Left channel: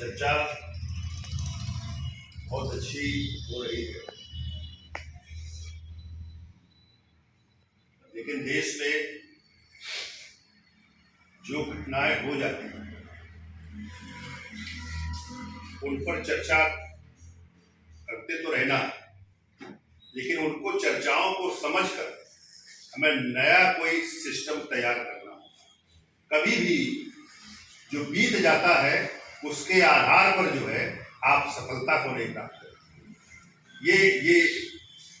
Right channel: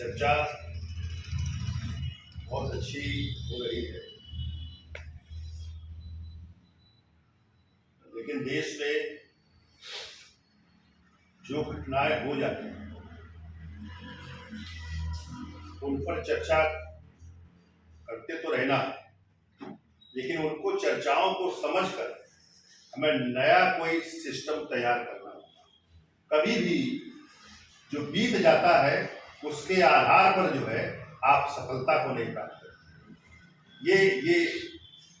चर्चा बहुत अच्छी हो रही है, लेकिन देश में जो घटनाएं हो जाती हैं उन पर चर्चा करते तो रहना है, लेकिन उनको चर्चाओं को समझकर हमें नया कोई सिस्टम तैयार करना होगा। कभी भी जो बीत जाता है उसके आधार पर जो है आप सफलता को नहीं प्राप्त करते। ये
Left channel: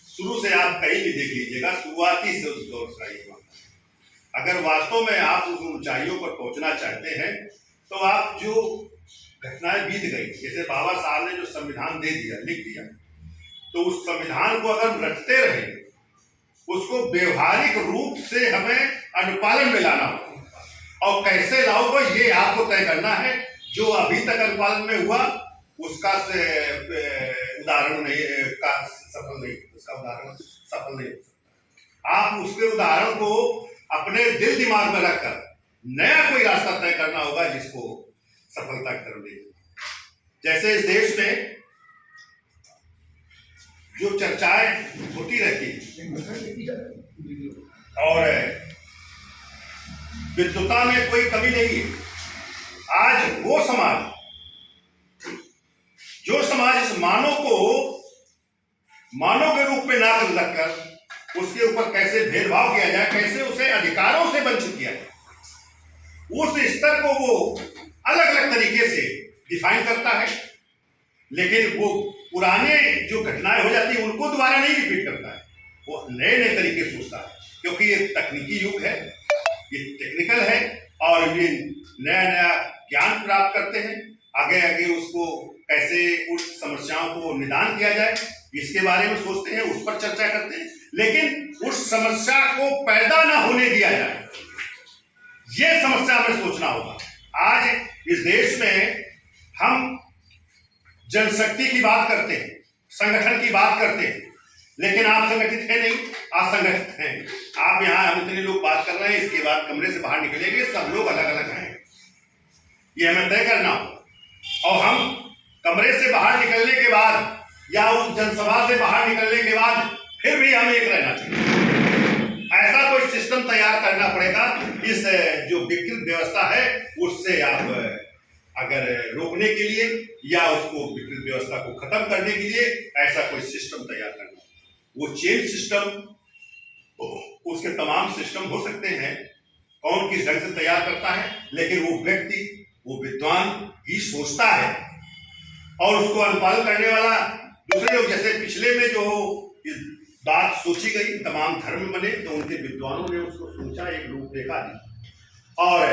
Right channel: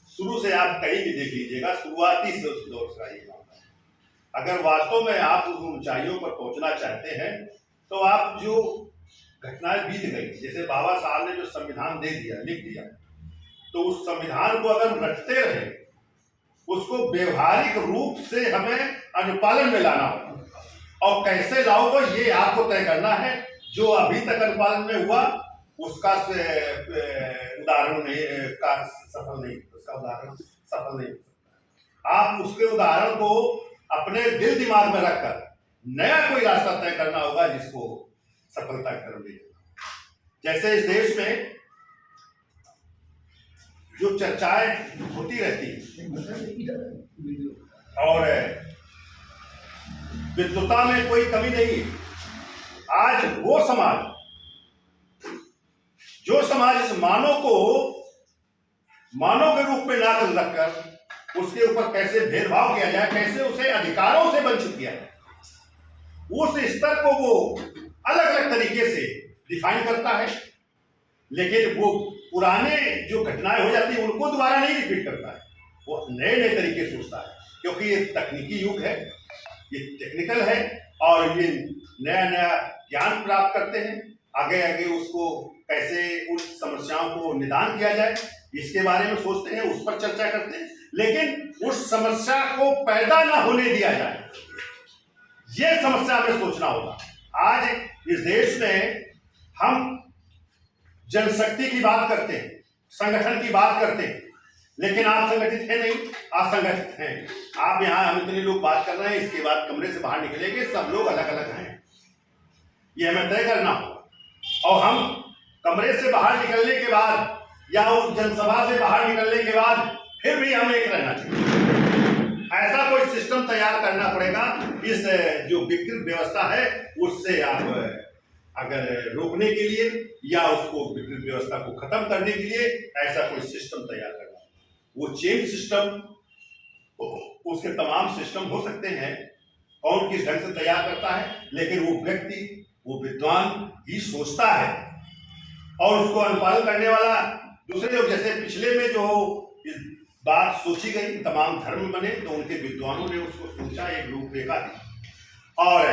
शुरू से आप कहीं भी देख लीजिएगा, शुरुआती से उस दौर का ये मामला है। अगर वास्तव में आप उस ऊंचाइयों पर पहुंचना चाहते हैं तो आप जो घटनाएं बीत गई, जैसे बाबा साहब ने जो संविधान दे दिया, लिख दिया, तो उस संविधान को अगर रखते रहे, उसको व्यवहारिक रूप से हमें अनुपालन में लाना होगा। और कैसे लाओगे ये आपको तय करना है। जो अभी तक अनुपालन में हुआ उसका उदाहरण नहीं का सफल नहीं, उसका उदाहरण सफल नहीं हो सकता। आप उसके उदाहरण को अपने दिल दिमाग में रखकर नया कोई रास्ता तय करना होगा जिसको सफलता की तरफ ले जाना। जैसे इस देश में जो चर्चाएं होती रहती और विद्वता में कोई कमी नहीं है। आज वो समाज, जो समाज इस मानव को मानव के रूप में ना रखकर उसके ऊपर कैसे भेदभाव किया जाए, कैसे उसे अधिकारों से वंचित किया जाए, उस स्तर को वो अलग अलग तरीके से डिफाइन करता है। लेकिन वो पुराने जो घटनाएं हो जाती है उनको दोबारा नहीं रिपीट करता है, वो नए नए तरीके सोचता है, क्योंकि ये तकनीकी युग है, ये टेक्निकल है और ये नया नया ज्ञान प्राप्त करते हैं। आगे आगे उसको कैसे उस समस्याओं को निदान किया जाए इसके बारे में सोचते हैं, उस पर चर्चा करते हैं, लेकिन उस समस्या को पैदा ना होने दिया जाए, ये समस्या हमें सोचना होगा। आज इस देश में हम जनशक्ति की बात करते हैं, संगठन की बात करते हैं, लेकिन आप संगठित हैं नहीं, असंगठित हैं। आप यहाँ हम इतने लोग बात कर रहे हैं, इसके बाद कमरे से बाहर निकलेंगे, सब लोग अलग अलग हैं, ये हमें तय करना हो। और हम कमरे से बाहर निकलने के बाद या उस जनसभा से बाहर निकलने के बाद फिर भी हमें एक रहना चाहिए। ऐसा कोई सिस्टम तैयार करना पड़ेगा। इस जो विकृत व्यवस्था है उससे आप अगर रोकने के लिए या उसको विकृत व्यवस्था को खत्म करने के लिए ऐसा कोई सिस्टम तैयार करना। वो चेंज सिस्टम, उसके तमाम सिस्टम हो सकते हैं, कौन किस ढंग से तैयार करता है, लेकिन वो व्यक्ति, वो विद्वान ही सोचता है और उसको अनुपालन करने वाला दूसरे लोग। जैसे पिछले में जो इस बात सोची गई, तमाम धर्म बने तो उनके विद्वानों ने उसको सोचा, एक रूपरेखा दी। और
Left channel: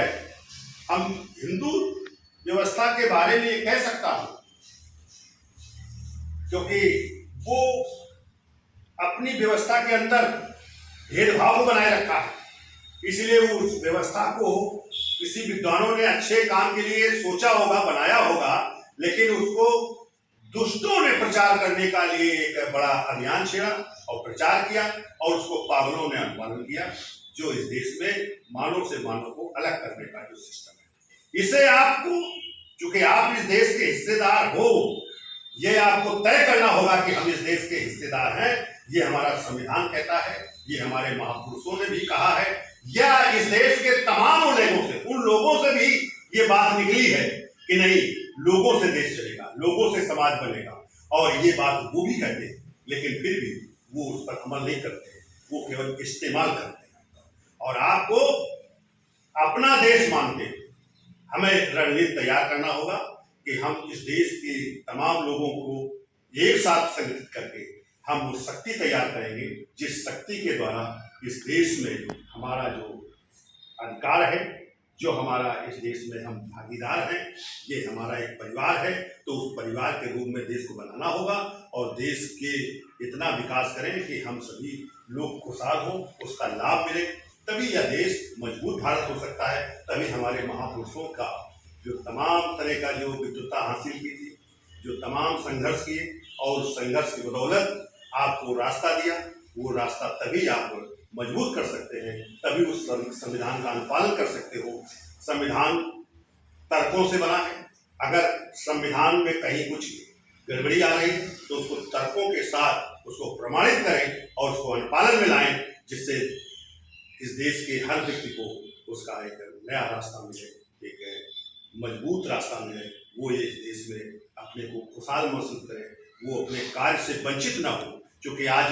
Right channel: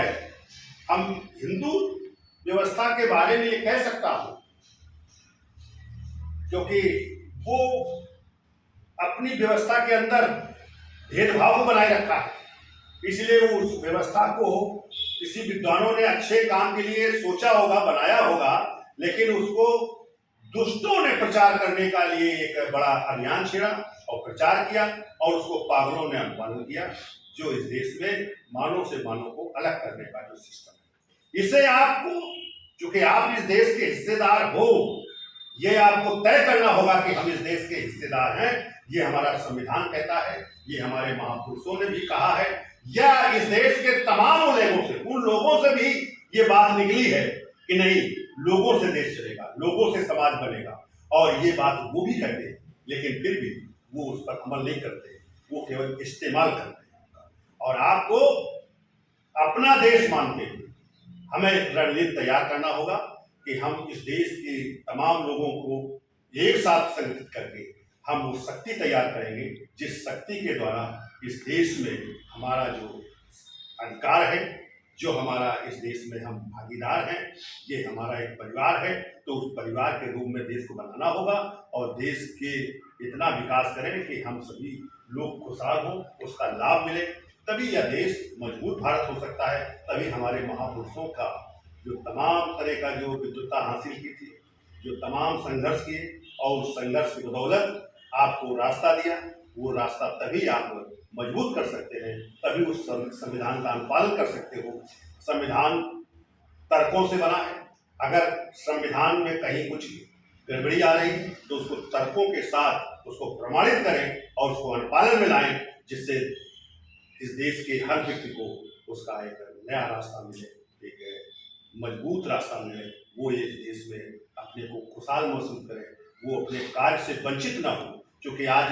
हम हिंदू व्यवस्था के बारे में ये कह सकता हूं क्योंकि वो अपनी व्यवस्था के अंदर भेदभाव को बनाए रखा है, इसलिए उस व्यवस्था को किसी विद्वानों ने अच्छे काम के लिए सोचा होगा, बनाया होगा, लेकिन उसको दुष्टों ने प्रचार करने का लिए एक बड़ा अभियान छेड़ा और प्रचार किया और उसको पागलों ने अनुपालन किया, जो इस देश में मानव से मानव को अलग करने का जो सिस्टम है। इसे आपको, चूंकि आप इस देश के हिस्सेदार हो, ये आपको तय करना होगा कि हम इस देश के हिस्सेदार हैं। ये हमारा संविधान कहता है, ये हमारे महापुरुषों ने भी कहा है, या इस देश के तमाम लोगों से, उन लोगों से भी ये बात निकली है कि नहीं, लोगों से देश चलेगा, लोगों से समाज बनेगा। और ये बात वो भी कहते हैं, लेकिन फिर भी वो उस पर अमल नहीं करते, वो केवल इस्तेमाल करते हैं। और आपको अपना देश मान के हमें रणनीति तैयार करना होगा कि हम इस देश के तमाम लोगों को एक साथ संगठित करके हम वो शक्ति तैयार करेंगे, जिस शक्ति के द्वारा इस देश में हमारा जो अधिकार है, जो हमारा इस देश में हम भागीदार हैं, ये हमारा एक परिवार है, तो उस परिवार के रूप में देश को बनाना होगा और देश के इतना विकास करें कि हम सभी लोग खुशहाल हों, उसका लाभ मिले, तभी यह देश मजबूत भारत हो सकता है। तभी हमारे महापुरुषों का जो तमाम तरह का जो विद्वता हासिल की थी, जो तमाम संघर्ष किए और उस संघर्ष की बदौलत आपको रास्ता दिया, वो रास्ता तभी आप मजबूत कर सकते हैं, तभी उस संविधान का अनुपालन कर सकते हो। संविधान तर्कों से बना है, अगर संविधान में कहीं कुछ गड़बड़ी आ रही है तो उसको तर्कों के साथ उसको प्रमाणित करें और उसको अनुपालन में लाएं, जिससे इस देश के हर व्यक्ति को उसका एक नया रास्ता मिले, एक मजबूत रास्ता मिले, वो इस देश में अपने को खुशहाल महसूस करे, वो अपने कार्य से वंचित ना हो। क्योंकि आज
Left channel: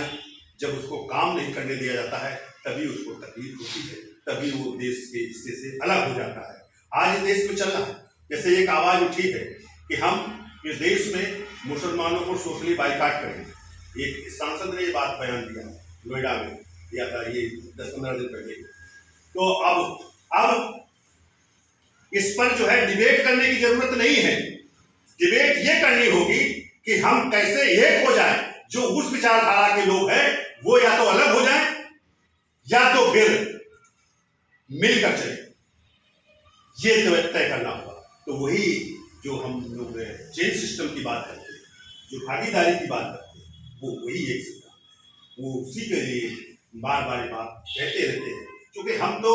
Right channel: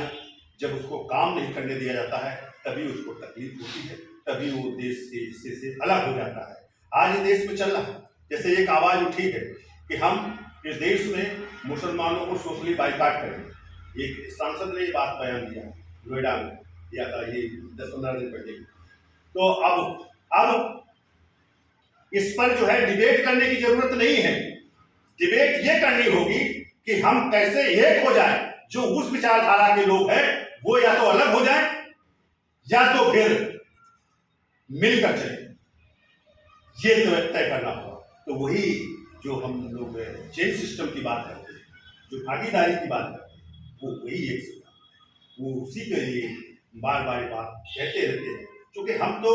जब उसको काम नहीं करने दिया जाता है तभी उसको तकलीफ होती है, तभी वो देश के हिस्से से अलग हो जाता है। आज देश में चल रहा है, जैसे एक आवाज उठी है कि हम इस देश में मुसलमानों को सोशली बाइकाट करेंगे। एक सांसद ने ये बात बयान दिया, नोएडा में दिया था ये 10-15 दिन पहले। तो अब इस पर जो है डिबेट करने की जरूरत नहीं है। डिबेट ये करनी होगी कि हम कैसे एक हो जाएं, जो उस विचारधारा के लोग हैं वो या तो अलग हो जाएं या तो फिर मिलकर चले, ये तो तय करना होगा। तो वही जो हम लोग चेन सिस्टम की बात करते हैं, जो भागीदारी की बात करते हैं, वो वही एक सिस्टम है। वो उसी के लिए बार बार ये बात कहते रहते हैं, क्योंकि हम तो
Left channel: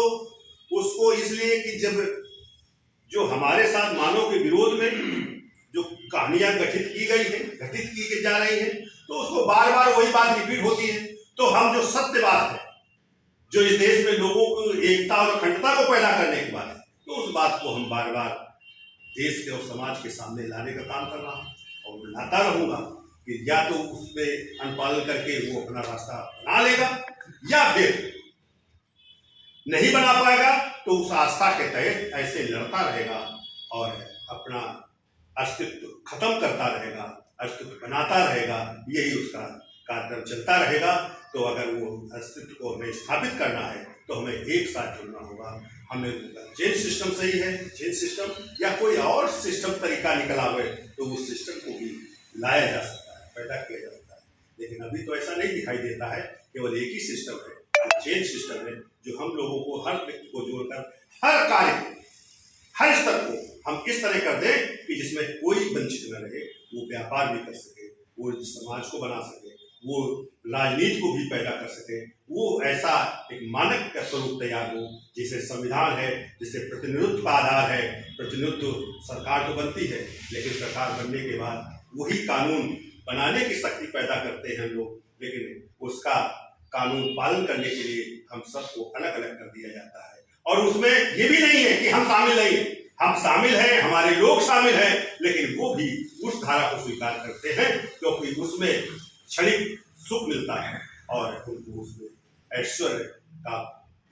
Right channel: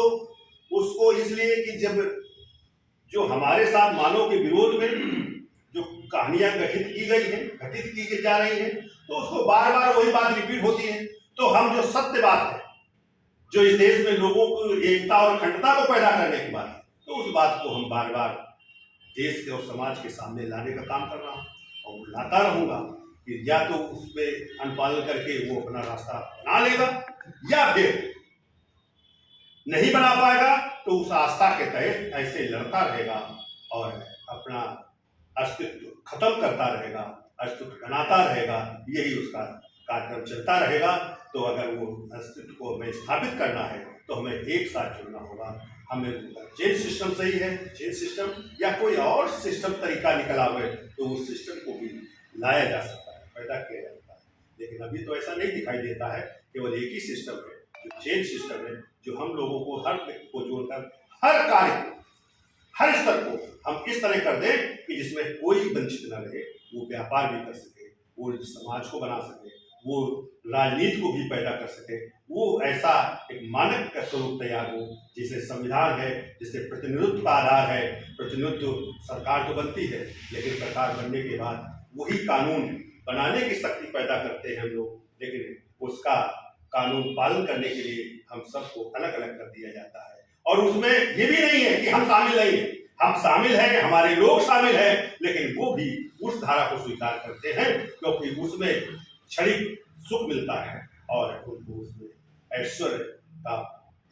उसको इसलिए कि जब जो हमारे साथ मानव के विरोध में जो कहानियां घटित की जा रही हैं, तो उसको बार बार वही बात रिपीट होती है। तो हम जो सत्य बात है, जो इस देश में लोगों को एकता और अखंडता को पैदा करने की बात है, तो उस बात को हम बार बार देश के और समाज के सामने लाने का काम कर रहा हूँ और लाता रहूंगा कि या तो उस पर अनुपालन करके वो अपना रास्ता बना लेगा या फिर नहीं बना पाएगा तो उस आस्था के तहत ऐसे लड़ता रहेगा और अपना अस्तित्व खत्म करता रहेगा, अस्तित्व बनाता रहेगा। यही उसका कार्यक्रम चलता रहेगा। तो अगर वो अस्तित्व को हमें स्थापित करना है तो हमें एक साथ जुड़ना होगा। हमें चेन सिस्टम सही है, चेन सिस्टम या कोई और सिस्टम तरीका निकल आवे तो उस सिस्टम को भी लाया जा सकता है, पैदा किया जा सकता है। लेकिन अभी तो ऐसा नहीं दिखाई देता है। केवल एक ही सिस्टम है, चेन सिस्टम है, जो हम लोगों को, हर व्यक्ति को जोड़कर हर कार्य को, हर स्तर को हम इस तरह कर दें कि जिसमें कोई वंचित न रहे, वो व्यापार भी कर सके, वो समाज को बना सके, वो राजनीति को भी पैदा कर सके, वो ऐसा एक मानक का स्वरूप तैयार हो जिसे संविधान है, जिसे प्रतिनिधित्व का आधार है। प्रतिनिधित्व सरकार तो बनती है, लेकिन सरकार बनने के बाद वही कानून बनाने की शक्ति पैदा करते हैं हम लोग, लेकिन उसका कानून पालन करने के लिए हम सबको अलग अलग कर दिया जाता है। और उसमें ये भी नहीं है कि हम शामिल नहीं हैं, हम शामिल हैं, हमारे लोग शामिल हैं, लेकिन वो भी उस धारा को स्वीकार करते हैं क्योंकि उसमें क्षणिक सुख मिलता है और उनको उसमें ऐश्वर्य का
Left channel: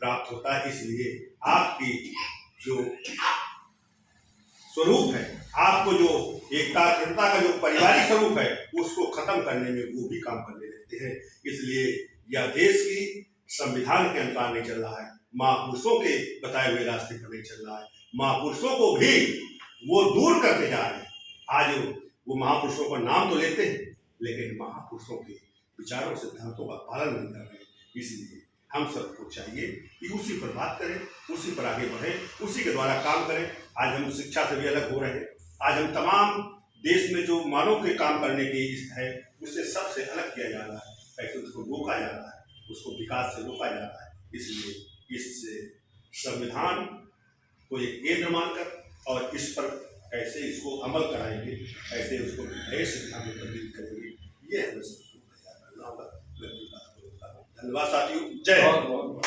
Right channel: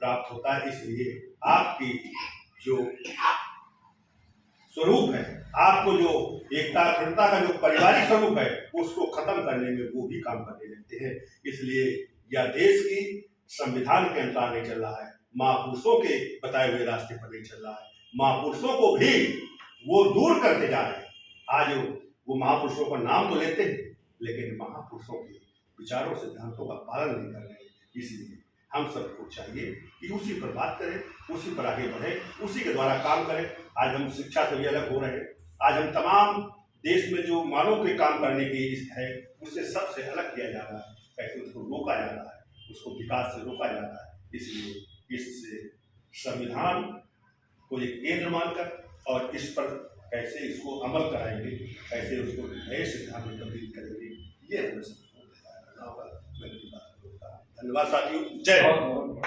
प्राप्त होता है। इसलिए आपकी जो स्वरूप है, आपको जो एकता अखंडता का जो पारिवारिक स्वरूप है, उसको खत्म करने में वो भी काम करने लगते हैं। इसलिए यह देश की संविधान के अनुसार नहीं चल रहा है, महापुरुषों के बताए हुए रास्ते पर नहीं चल रहा है। महापुरुषों को भी वो दूर करते जा रहे हैं। आज वो महापुरुषों का नाम तो लेते हैं, लेकिन महापुरुषों के विचारों सिद्धांतों का पालन नहीं कर रहे। इसलिए हम सबको चाहिए कि उसी पर बात करें, उसी पर आगे बढ़ें, उसी के द्वारा काम करें। आज हम शिक्षा से भी अलग हो रहे हैं। आज हम तमाम देश में जो मानव के काम करने की है, उससे सबसे अलग किया जा रहा है। कैसे उसको रोका जा रहा है, उसको विकास से रोका जा रहा है। इसलिए इस संविधान को एक केंद्र मानकर और इस पर कैसे इसको अमल कराएंगे, कैसे उसको नए सिद्धांत में तब्दील करेंगे, ये हमें सबको करना होगा। मैं अपनी बात को रोकता हूँ। धन्यवाद साथियों, जय हिंद।